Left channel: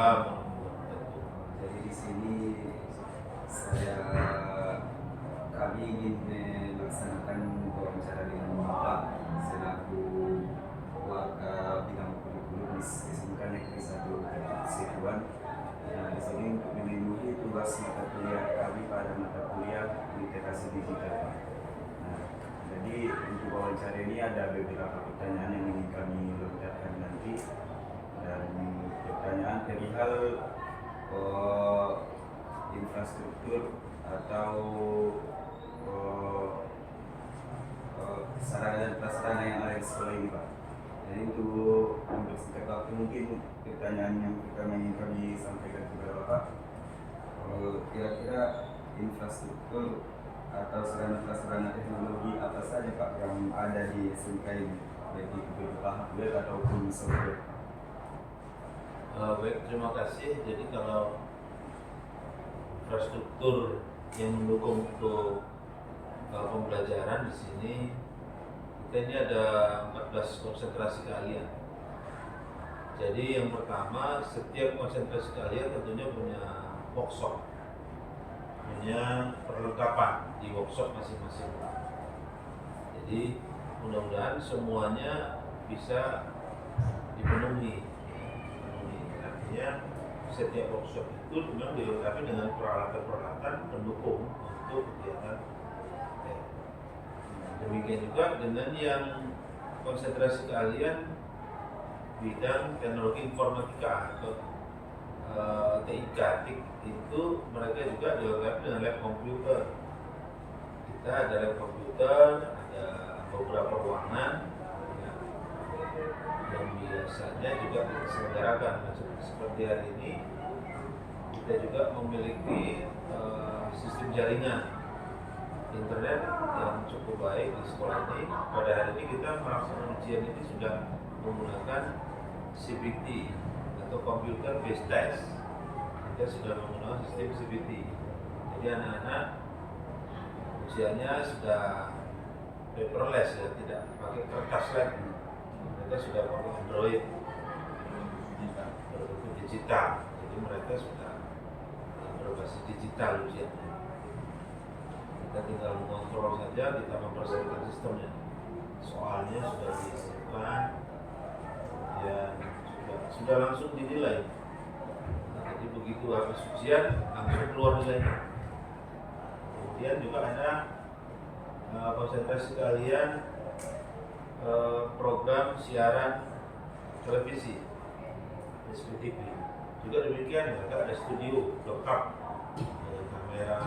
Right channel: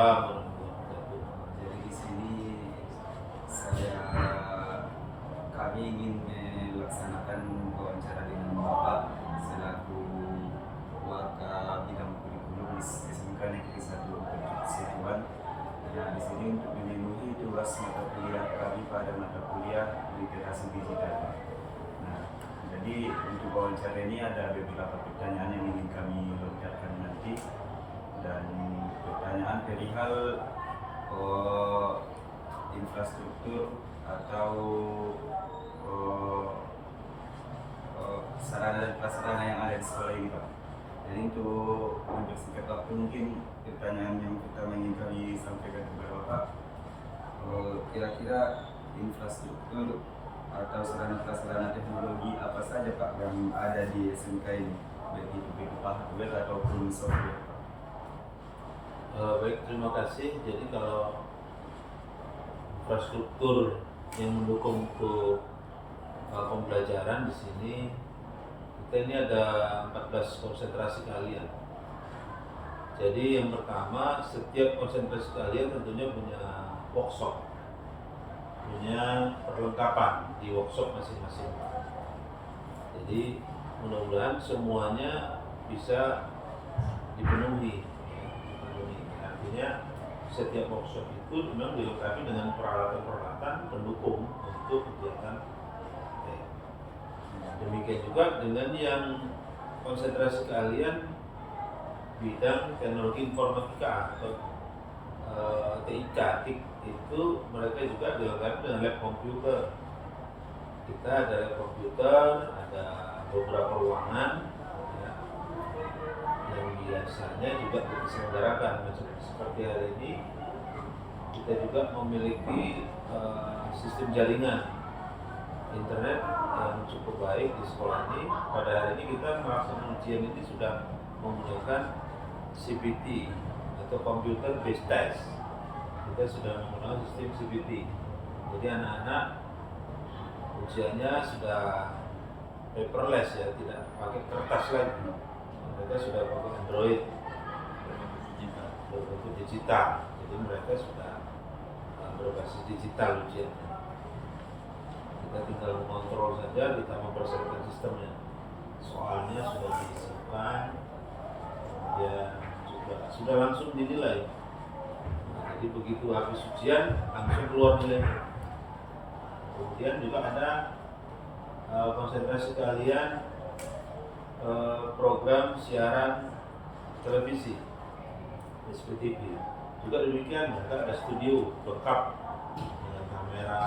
Waalaikumsalam warahmatullahi wabarakatuh. Jadi di sini kami ingin melaksanakan wawancara dengan Bapak selaku Waka Bidang Kurikulum di SMK Negeri 1 Situan. Nah, di sini untuk memenuhi tugas mata kuliah kami pada mata kuliah literasi digital. Nah, jadi untuk wawancara ini ada beberapa pertanyaan yang ingin kami lontarkan nanti, dan pertanyaan perihal infrastruktur atau sarana dan prasarana yang ada di sekolah ini, Pak. Jadi untuk mempersingkat waktu, mungkin pertanyaan yang pertama ingin kami sampaikan kepada Bapak, kira-kira infrastruktur atau sarana prasarana teknologi apa saja, Pak, yang ada di SMK ini, baik itu berupa hardware ataupun software? Baik, terima kasih. Jadi kalau infrastruktur yang mendukung untuk pembelajaran di sini, kita ini ada 14 konsentrasi keahlian. Jadi yang pertama, setiap konsentrasi keahlian tentunya punya workshop, punya perlengkapan di workshop masing-masing. Jadi mudah-mudahan semuanya bisa dipenuhi. Artinya setiap workshop itu memang dilengkapi dengan peralatan-peralatan pendukung untuk kegiatan. Demikian juga dengan yang konsentrasi keahlian bidang teknologi informatika atau TIK, itu mereka juga dilengkapi dengan lab komputer. Kita ada lab komputer, ada beberapa ruangan yang biasanya juga diselenggarakan. Seperti hari ini kita juga memiliki sistem jaringan internet yang cukup baik di sekolah ini. Pada hari ini kita melaksanakan ujian ini sudah menggunakan CBT atau Computer Based Test. Kita sudah menggunakan sistem CBT. Jadi anak-anak ujiannya sudah paperless, ya, tidak pakai kertas lagi. Mereka sudah pakai Android berbentuk digital. Jadi mereka sudah berbasis digital ujiannya. Kita tinggal mengontrol saja, kita mempersiapkan sistemnya. Soalnya sudah disimpan, kemudian juga sudah langsung dinilai. Nah, jadi begitu habis ujian langsung keluar nilainya. Kemudian juga ada konsentrasi keahlian program siaran televisi, SPTV. Juga demikian, mereka ada studio lengkap dengan kamera,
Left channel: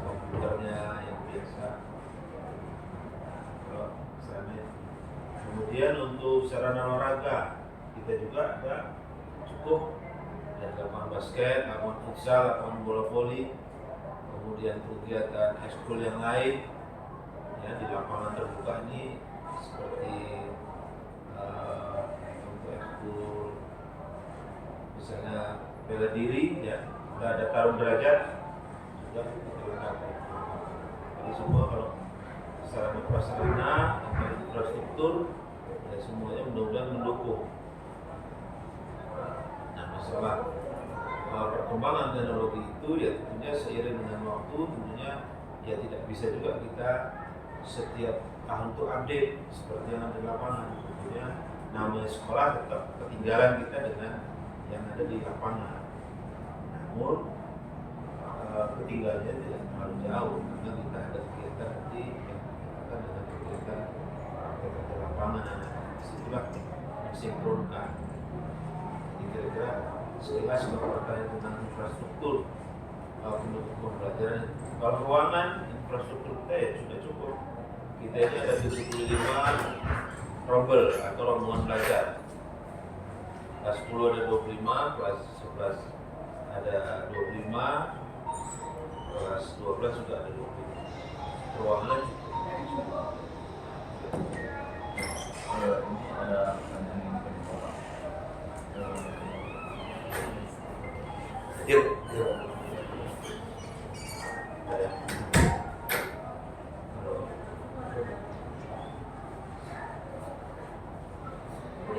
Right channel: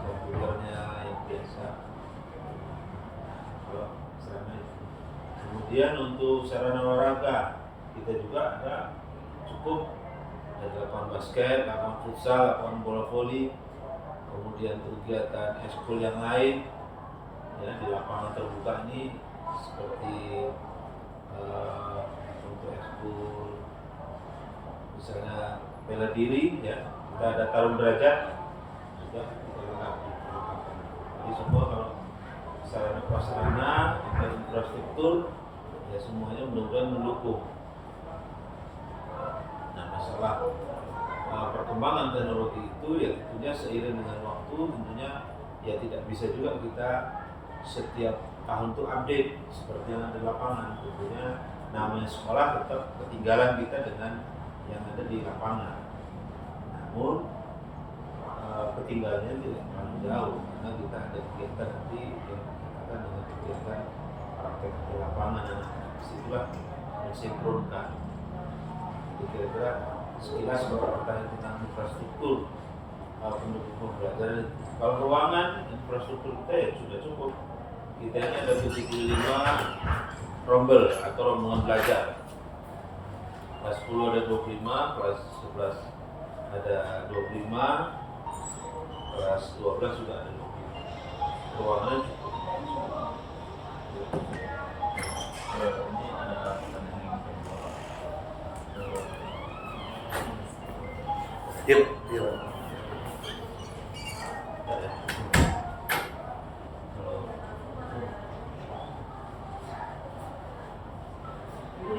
komputernya yang biasa. Kemudian untuk sarana olahraga kita juga ada cukup, ada lapangan basket, lapangan futsal, lapangan bola voli, kemudian kegiatan ekskul yang lain, ya, di lapangan terbuka ini seperti untuk ekskul misalnya bela diri, ya, kita ada tarung derajat juga kita lengkapi. Jadi semua kalau sarana prasarana, infrastruktur, ya semuanya mudah-mudahan mendukung. Nah, masalah perkembangan teknologi itu ya tentunya seiring dengan waktu, tentunya ya tidak bisa juga kita setiap tahun itu update seperti yang ada di lapangan. Tentunya namanya sekolah tetap ketinggalan kita dengan yang ada di lapangan. Namun ketinggalannya tidak terlalu jauh karena kita ada kegiatan nanti yang dikatakan dengan kegiatan praktek di lapangan. Situlah mensinkronkan. Jadi kira-kira sekilas kalau pertanyaan tentang infrastruktur pendukung pembelajaran. Kalau ruangan infrastruktur kita ya sudah cukup. Kita ini ada 75 rombel atau rombongan belajar. Kelas 10 ada 25, kelas 11 ada 25, kelas 12 juga ada 25. Ruangannya cukup. Ini ada pertanyaan yang Bapak.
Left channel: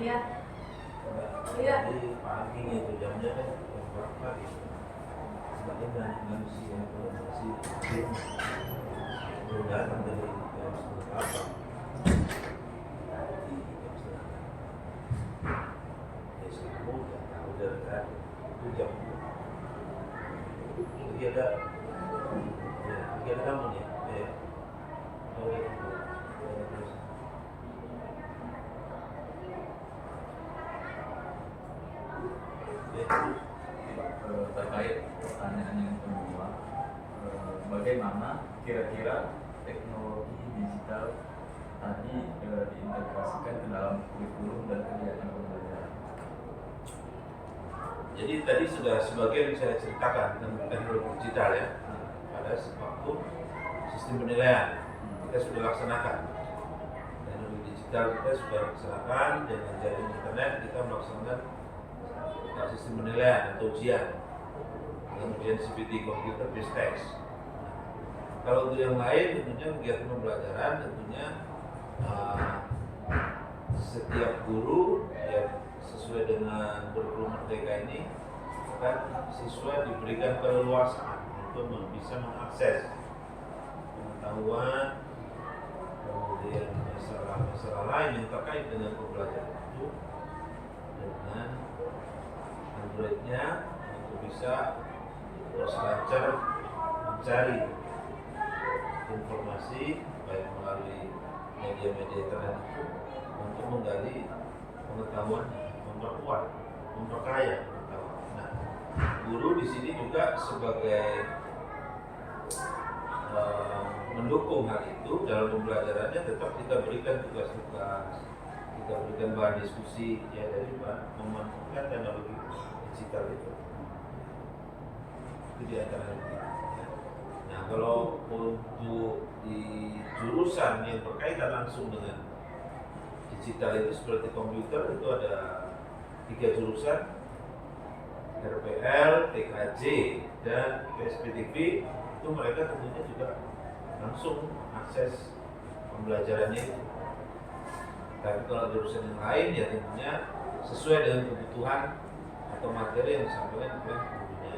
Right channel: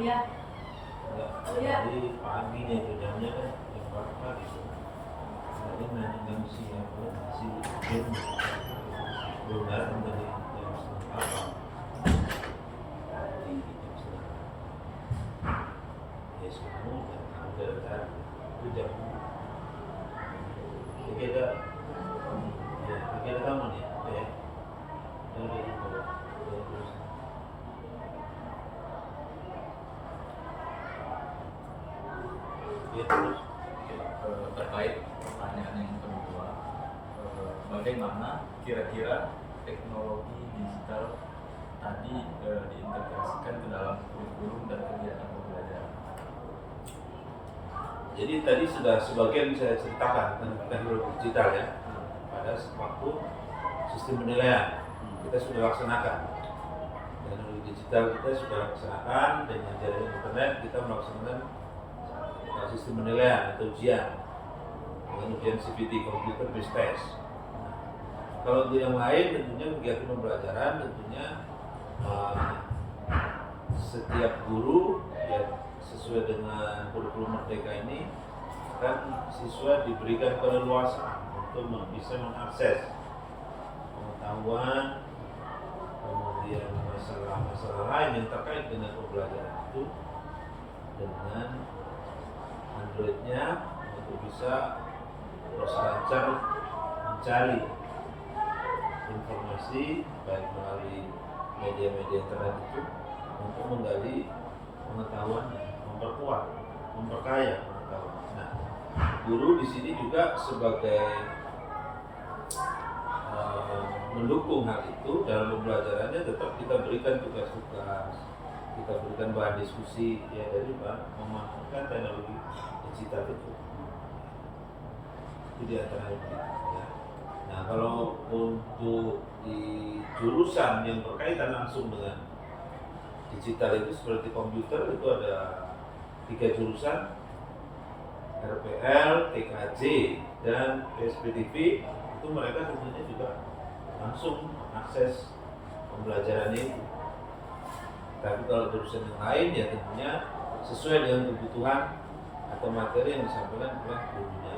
Ya. Enggak, jadi paginya itu jamnya kan jam berapa gitu. Tadi nanya siapa masih belum datang dari jam setengah 8. Tadi jam setengah 8. Ya semua udah tadi itu jam. Lagi ada ya lagi ada tamu nih ya. Oh, dia itu. Terus ya terus Terkait pertanyaan yang kedua, bagaimana kira-kira teknologi digital tadi diintegrasikan ke dalam kurikulum dan kegiatan pembelajaran? jadi tadi sudah sebagian saya ceritakan tentang teknologi digital ya. Pada waktu sistem penilaian kita sudah laksanakan. Teknologi digital kita sudah laksanakan dengan jaringan internet kita melaksanakan sistem penilaian atau ujian dengan ujian CBT computer based test. Nah, kalau untuk yang lain tentunya kegiatan pembelajaran tentunya setiap guru ya sesuai dengan kurikulum Merdeka ini kan siswa diberikan keleluasaan untuk bisa mengakses pengetahuan kemudian masalah-masalah lain yang terkait dengan pembelajaran itu dengan Androidnya untuk bisa lancar mencari informasi baik melalui media-media internet itu untuk menggali pengetahuan, memperkuat, memperkaya pengetahuan. Nah, guru di sini juga sebagai mendukung hal itu dalam pembelajarannya tetap kita berikan tugas-tugas, kita berikan bahan diskusi ya dari memanfaatkan teknologi digital itu di antara itu. Ya. Nah kalau untuk di jurusan yang berkaitan langsung dengan digital itu seperti komputer itu ada 3 jurusan RPL, TKJ, dan PSPTV itu mereka tentunya juga langsung akses pembelajarannya itu. Tapi kalau jurusan yang lain ya tentunya sesuai dengan kebutuhan atau materi yang disampaikan oleh gurunya.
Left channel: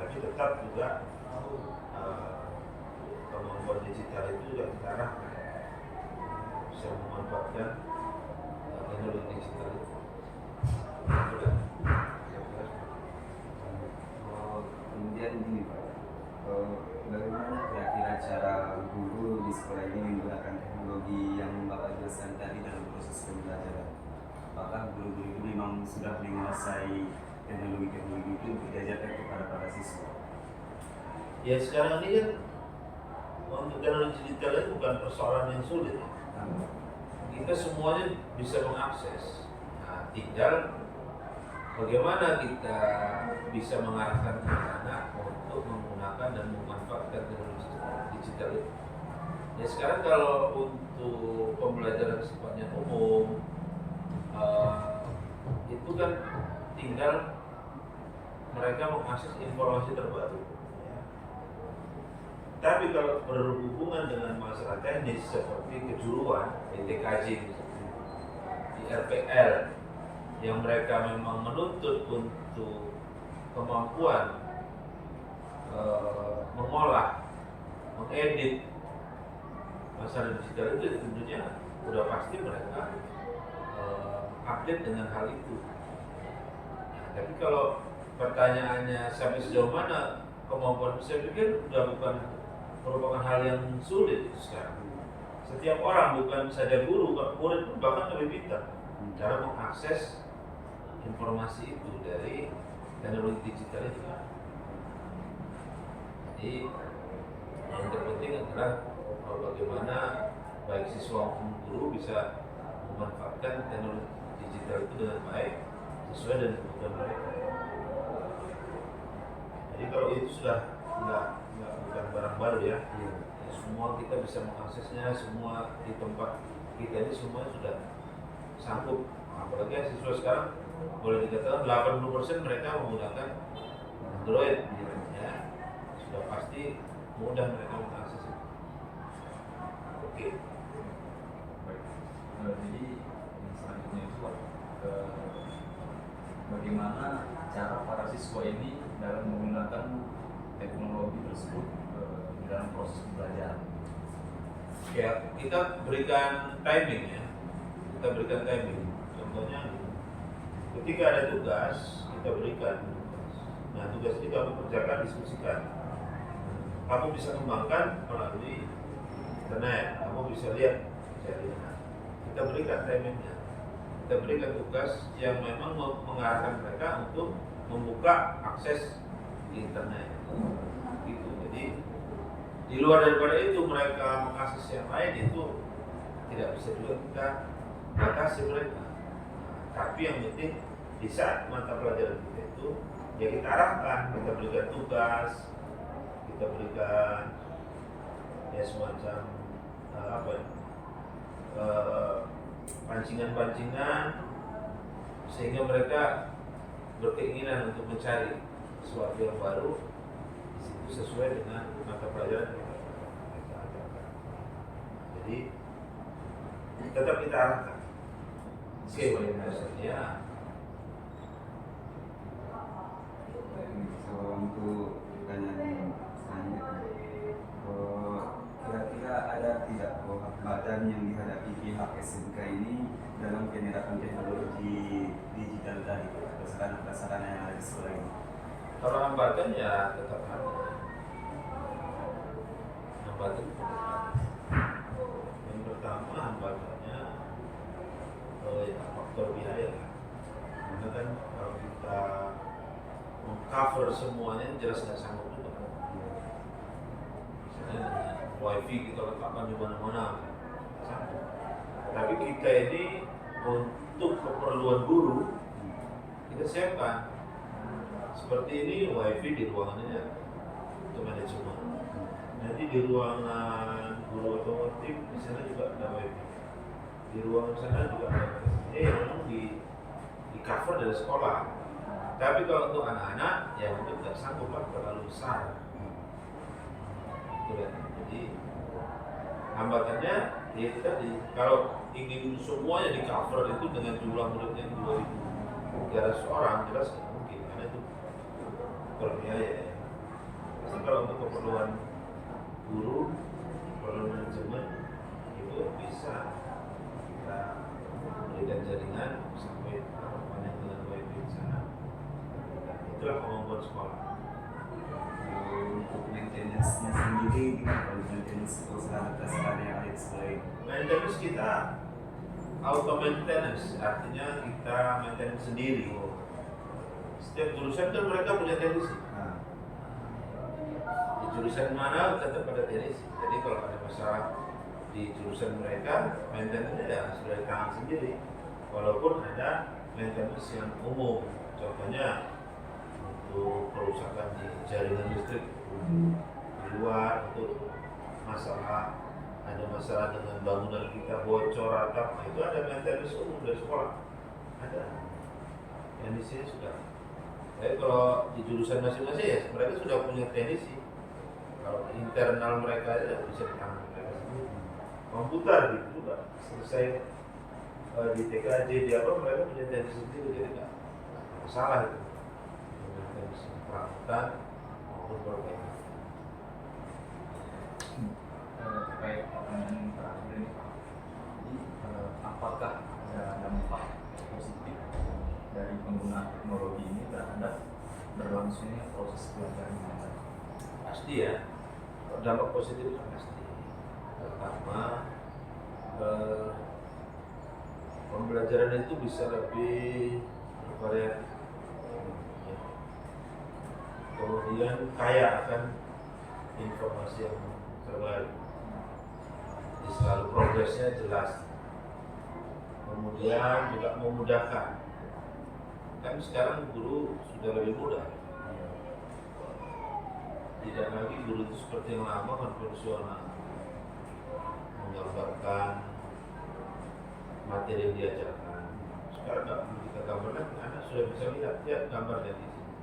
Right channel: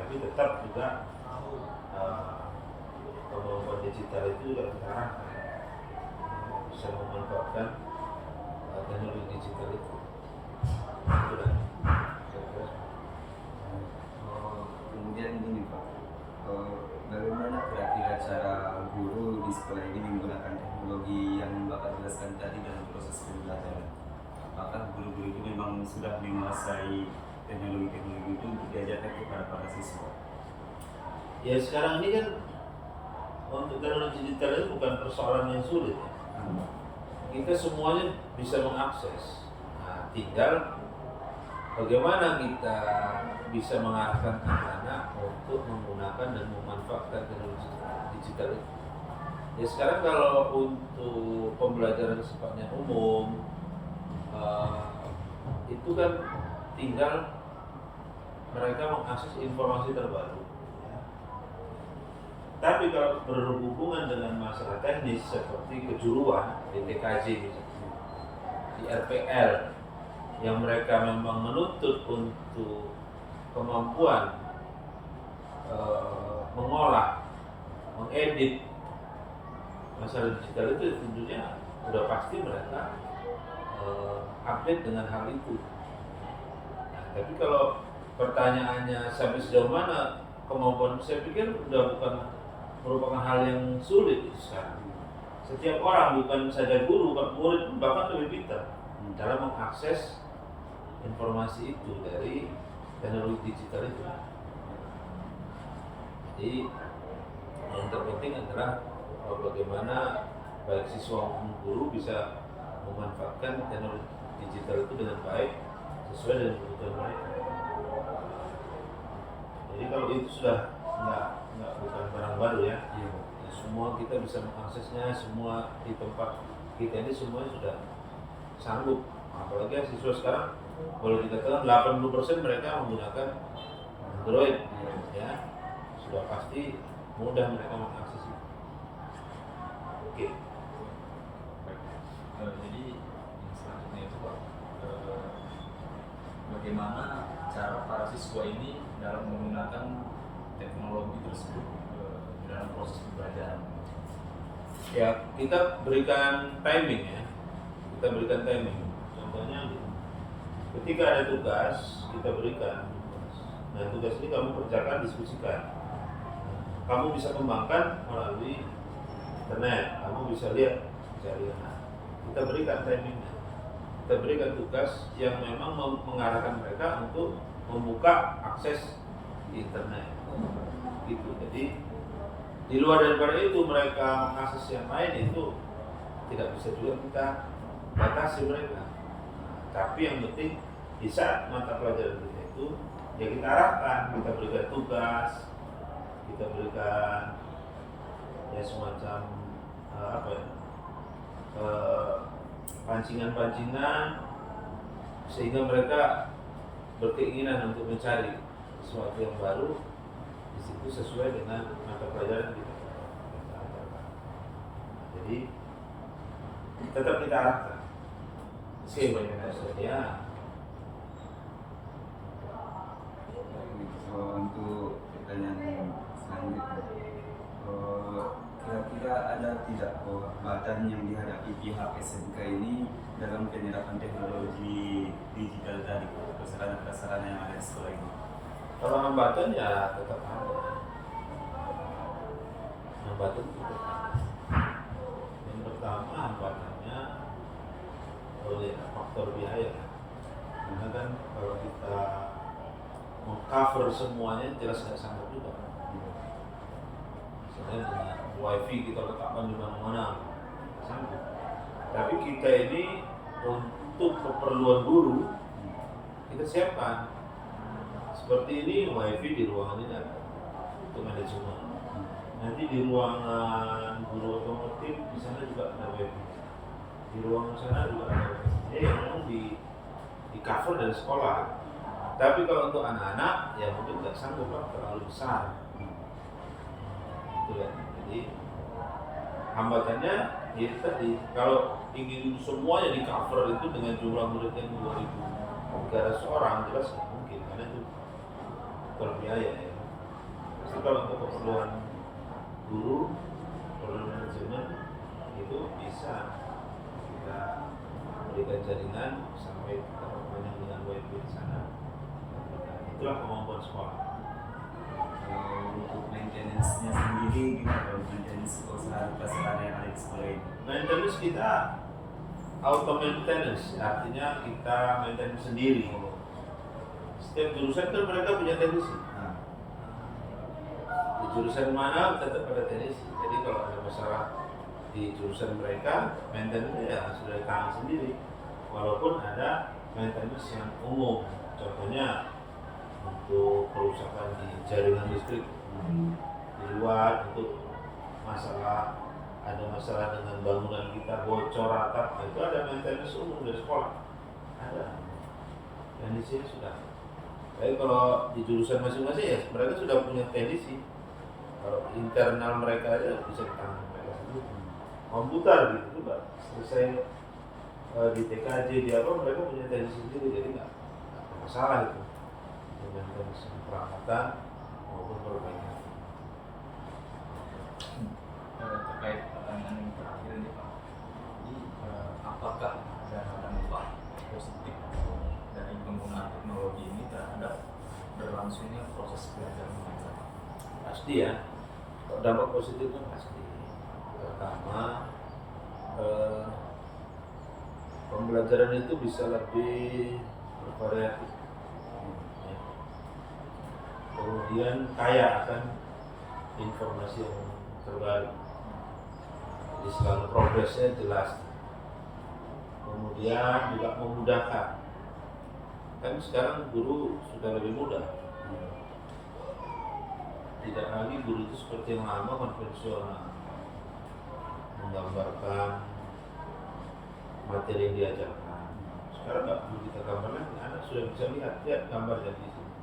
Tapi tetap juga kemampuan digital itu juga kita bisa memanfaatkan teknologi digital itu. Kemudian ini Pak, bagaimana kira-kira cara guru di sekolah ini menggunakan teknologi yang Bapak jelaskan tadi dalam proses pembelajaran? Apakah guru-guru itu memang sudah menguasai teknologi-teknologi itu untuk diajarkan kepada para siswa? Ya sekarang ini kan untuk teknologi digital itu bukan persoalan yang sulit ya. Kita semuanya bisa mengakses. Nah, tinggal bagaimana kita bisa mengarahkan anak-anak untuk menggunakan dan memanfaatkan teknologi digital itu. Ya sekarang kalau untuk pembelajaran sifatnya umum itu kan tinggal mereka mengakses informasi terbaru. Tapi kalau berhubungan dengan masalah teknis seperti kejuruan di TKJ, di RPL, yang mereka memang menuntut untuk kemampuan mengolah, mengedit masalah digital itu tentunya sudah pasti mereka update dengan hal itu. Nah, tapi kalau pertanyaannya sampai sejauh mana kemampuan, saya pikir sudah bukan merupakan hal yang sulit sekarang. Setiap orang, bukan saja guru, murid pun bahkan lebih pintar cara mengakses informasi itu dari teknologi digital itu. Jadi yang terpenting adalah bagaimana baik siswa maupun guru bisa memanfaatkan teknologi digital itu dengan baik sesuai dengan kebutuhan mereka. Jadi kalau itu sudah bukan barang baru ya, semua kita bisa mengaksesnya, semua di tempat kita ini semuanya sudah sanggup. Apalagi siswa sekarang boleh dikatakan 80% mereka menggunakan Android, ya sudah pasti mudah mereka mengakses itu. Oke. Baik. Jadi yang selanjutnya itu Pak, bagaimana cara para siswa ini dalam menggunakan teknologi tersebut dalam proses pembelajaran. Ya, kita berikan timing ya. Kita berikan timing. Contohnya ketika ada tugas, kita berikan. Nah, tugas ini kamu kerjakan, diskusikan. Kamu bisa kembangkan melalui internet. Kamu bisa lihat. Nah, kita berikan timingnya. Kita berikan tugas yang memang mengarahkan mereka untuk membuka akses di internet. Gitu. Jadi di luar daripada itu mereka mengakses yang lain itu tidak bisa juga kita batasi mereka. Tapi yang penting di saat mata pelajaran kita itu ya kita arahkan, kita berikan tugas, kita berikan ya semacam pancingan-pancingan sehingga mereka berkeinginan untuk mencari sesuatu yang baru di situ sesuai dengan mata pelajaran kita ajarkan. Jadi tetap kita arahkan sesuai dengan hasilnya. So, untuk pertanyaan selanjutnya, kira-kira ada tidak hambatan yang dihadapi pihak SMK ini dalam penerapan teknologi digital tadi atau sarana-prasarana yang ada di sekolah ini? Kalau hambatan ya tetap ada. Hambatan tetap ada. Yang pertama hambatannya ya faktor biaya. Karena kan kalau kita mengcover semuanya jelas nggak sanggup juga. Misalnya wifi kita letakkan di mana-mana, sanggup. Tapi kita ini untuk keperluan guru kita siapkan. Seperti ini wifi di ruangan ini ada untuk manajemen. Nanti di ruangan guru otomotif di sana juga ada wifi. Di ruangan sana juga ada wifi. Ini memang di cover dari sekolah. Tapi kalau untuk anak-anak ya mungkin tidak sanggup lah, terlalu besar. Gitu kan. Jadi hambatannya ya tadi kalau ingin semuanya di cover itu dengan jumlah murid yang 2.300 orang jelas nggak mungkin karena itu berbiaya ya. Jadi kalau untuk keperluan guru, keperluan manajemen itu bisa kita berikan jaringan sampai banyak dengan wifi di sana. Itulah kemampuan sekolah. Kalau untuk maintenance-nya sendiri gimana kalau maintenance sarana-prasarana yang ada di sekolah ini? Maintenance kita auto maintenance, artinya kita maintenance sendiri. Setiap jurusan kan mereka punya teknisi. Nah, Di jurusan mana tetap ada teknisi. Jadi kalau ada masalah di jurusan mereka, maintenance ya sudah di tangan sendiri. Walaupun ada maintenance yang umum, contohnya untuk kerusakan di jaringan listrik di luar, untuk ada masalah dengan bangunan kita bocor atap, nah itu ada maintenance umum dari sekolah, ada teknisinya sudah. Tapi kalau di jurusan masing-masing ya mereka sudah punya teknisi. Kalau internal mereka ya bisa di tangan mereka sendiri. Komputer gitu juga selesai di TKJ di apa mereka punya teknisi sendiri, jadi nggak masalah itu. Maintenance perawatan maupun perbaikan. Terkait pertanyaan yang terakhir ini Pak, jadi apakah ada dampak positif dari penggunaan teknologi ini terhadap berlangsungnya proses belajar mengajar? Pasti ya, kalau dampak positifnya pasti. Pertama, pembelajaran itu bisa lebih bervariatif. Ya. Kemudian kaya akan informasi yang terbaru. Jadi selalu progresnya jelas. Kemudian juga memudahkan. Kan sekarang guru sudah lebih mudah. Tidak lagi guru itu seperti yang lama konvensional, menggambarkan materi yang diajarkan. Sekarang nggak perlu kita gambarkan, anak sudah bisa lihat gambarnya di sini.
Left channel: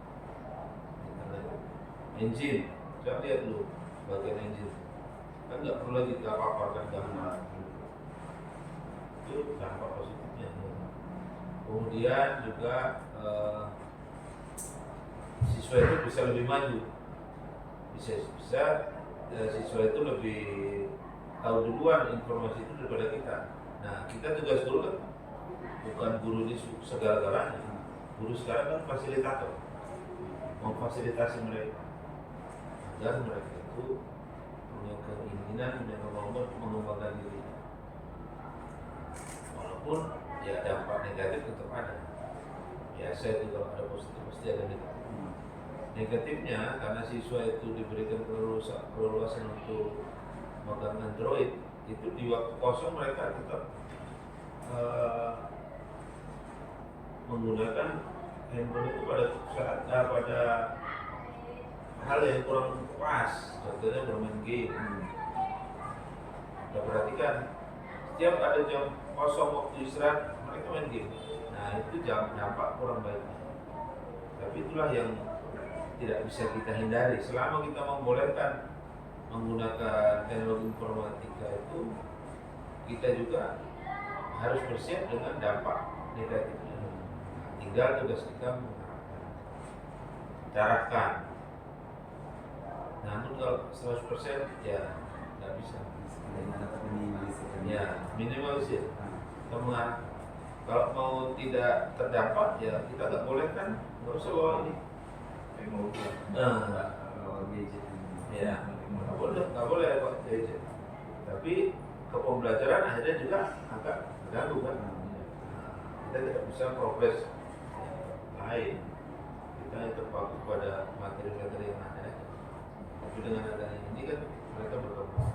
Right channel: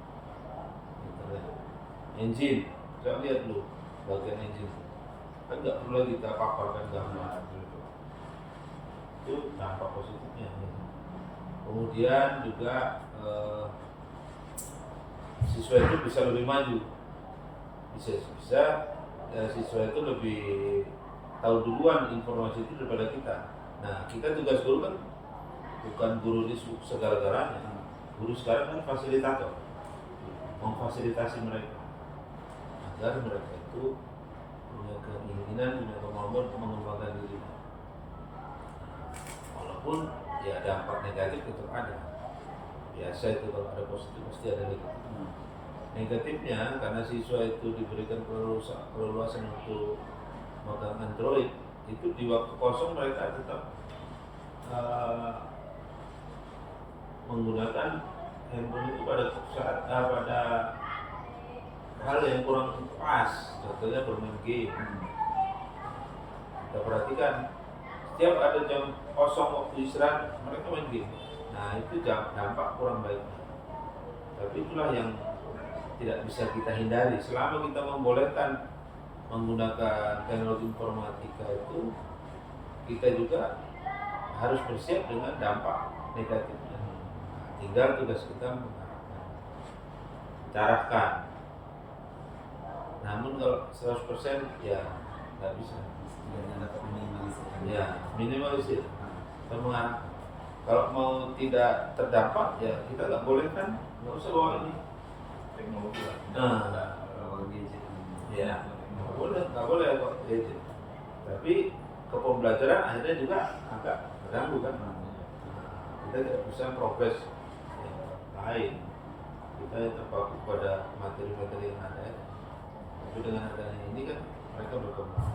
Engine, coba lihat dulu bagian engine. Kan nggak perlu kita paparkan gambar. Itu dampak positifnya. Kemudian juga siswa itu bisa lebih maju, bisa siswa itu lebih tahu duluan informasi itu daripada kita. Nah, kita tugas guru kan bukan guru di segala-galanya. Guru sekarang kan fasilitator, memfasilitasi mereka agar mereka itu punya keinginan, punya kemampuan untuk mengembangkan diri. Walaupun ya dampak negatif tetap ada. Biasa itu kalau ada positif pasti ada negatif. Negatifnya karena siswa itu diberikan keleluasan untuk megang Android, itu di waktu kosong mereka tetap menggunakan handphone itu pada pada hal yang kurang pas, contohnya bermain game. Kita perhatikan setiap ada jam kosong waktu istirahat mereka main game. Nah itu dampak kurang baik. Tapi itulah yang tidak bisa kita hindari. Selama kita membolehkan menggunakan teknologi informatika itu, kita juga harus bersiap dengan dampak negatifnya. Tinggal tugas kita mengarahkan, carahkan. Namun kalau 100% ya nggak bisa. Setidaknya dapat minimalisir. Ya minimalisir. Kita mengarahkan. Kalau mau tidak terdampak ya kita nggak boleh kan, nggak usah bawa ini. Teknologi lah. Kalau gadget ini. Ya nggak boleh kok gadget. Tapi ke pembelajaran akhirnya juga agak terganggu kan. Kita tidak bisa progres yang lain. Kita terpaku pada materi-materi yang ada. Tapi dengan adanya ini kan mereka berkembang.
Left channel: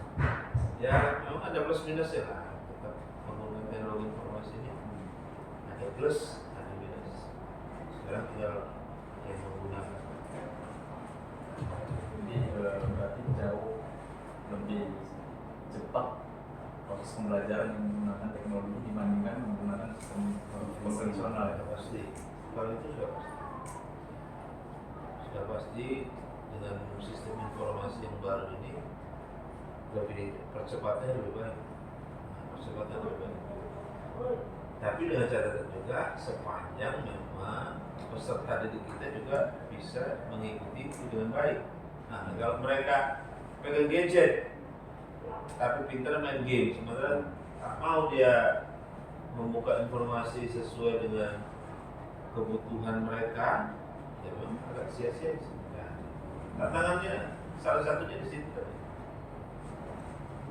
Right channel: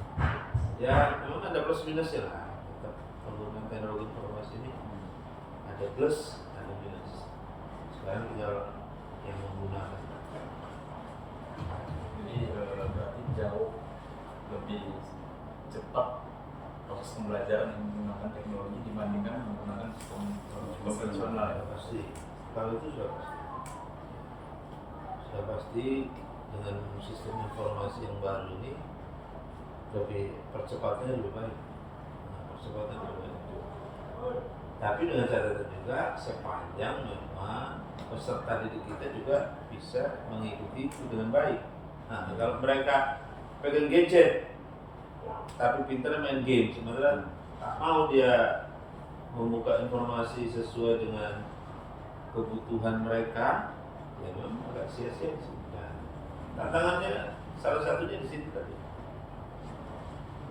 Ya memang ada plus minusnya lah. Tetap penggunaan teknologi informasi ini ada plus, ada minus. Sekarang tinggal yang menggunakan. Jadi berarti jauh lebih cepat proses pembelajaran yang menggunakan teknologi dibandingkan menggunakan sistem konvensional. Ya pasti. Kalau itu sudah pasti dengan sistem informasi yang baru ini lebih percepatannya lebih baik. Percepatan lebih baik. Tapi dengan catatan juga sepanjang memang peserta didik kita juga bisa mengikuti itu dengan baik. Nah, kalau mereka pegang gadget tapi pintar main game, sementara tak mau dia membuka informasi sesuai dengan kebutuhan mereka, ya memang agak sia-sia sih. Nah, tantangannya salah satunya di situ tadi.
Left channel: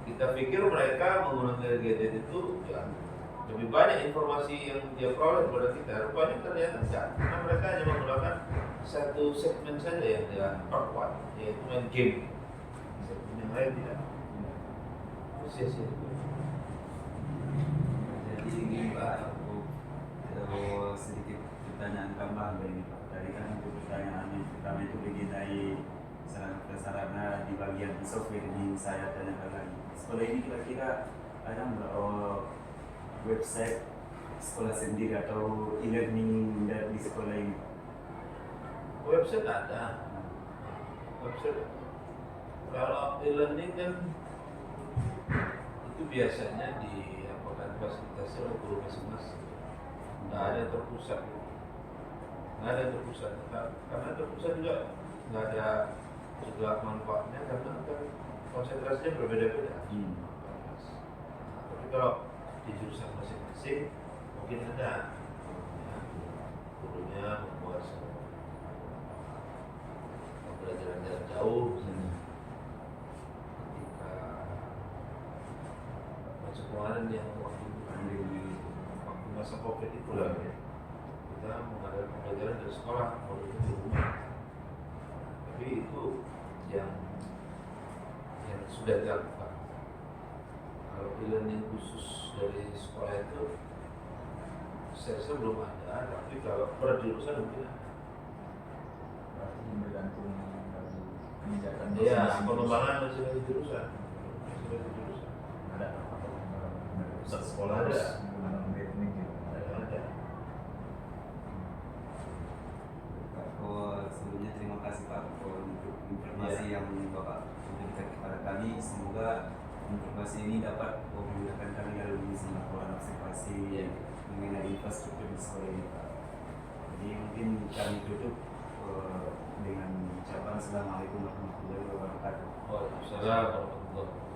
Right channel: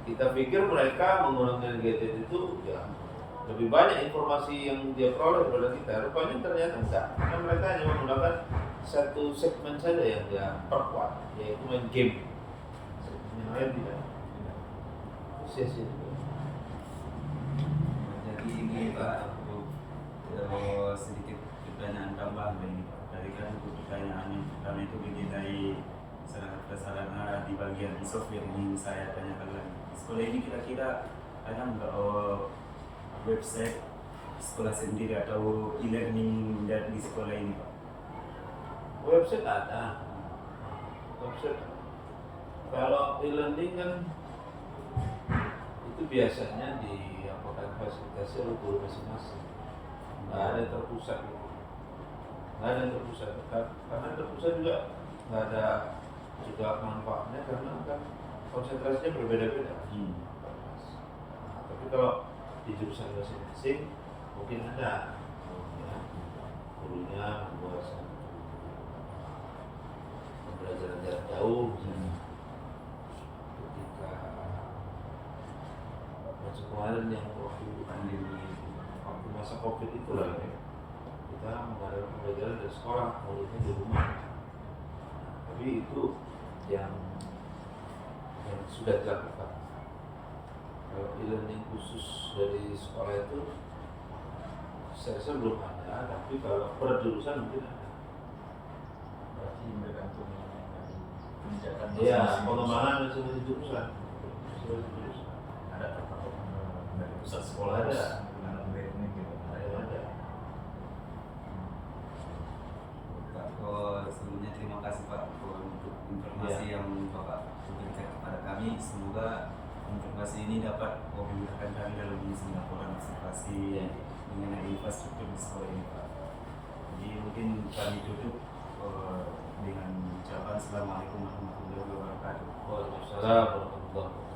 Kita pikir mereka menggunakan gadget itu ya lebih banyak informasi yang dia peroleh daripada kita. Rupanya ternyata enggak, karena mereka hanya menggunakan satu segmen saja yang dia perkuat, yaitu main game. Segmen yang lain tidak. Itu sia-sia. Jadi ini Pak, mau sedikit pertanyaan tambahan ini Pak. Tadi kan untuk pertanyaan yang pertama itu mengenai sarana di bagian e-soft yang ingin saya tanyakan lagi. Sekolah ini kira-kira ada nggak website sekolah sendiri atau e-learning dari sekolah ini Pak? Website ada. Website. Kalau e-learning kan itu biasanya fasilitasi oleh guru masing-masing. Nggak ada yang terpusat. Nggak ada yang terpusat. Karena terpusat juga nggak ada juga manfaatnya karena kan konsentrasinya berbeda-beda. Nah, tapi kalau di jurusan masing-masing mungkin ada gurunya membuat pembelajaran jarak jauh misalnya. Ketika macam kemarin yang waktu masa COVID itu lah ya, kita mengadakan pembelajaran dari sekolah, muridnya di rumah. Tapi itu yang sudah dilakukan. Kalau e-learning khusus dari sekolah itu saya rasa belum ada, tapi kalau per jurusan mungkin ada. Berarti bergantung dari kebijakan Iya, pengembangan masing-masing jurusan. Masing-masing jurusan. ada terpatok dari pusat sekolah Ada. harus menggunakan e-learning juga. Ada. Kalau sebelumnya terima kasih Pak untuk informasi yang Bapak berikan kepada kami. Semoga informasi ini dapat memudahkan kami dalam mengisi laporan observasi mengenai infrastruktur di sekolah ini Pak. Jadi mungkin kami tutup dengan ucapan Assalamualaikum warahmatullahi wabarakatuh. Waalaikumsalam warahmatullahi wabarakatuh.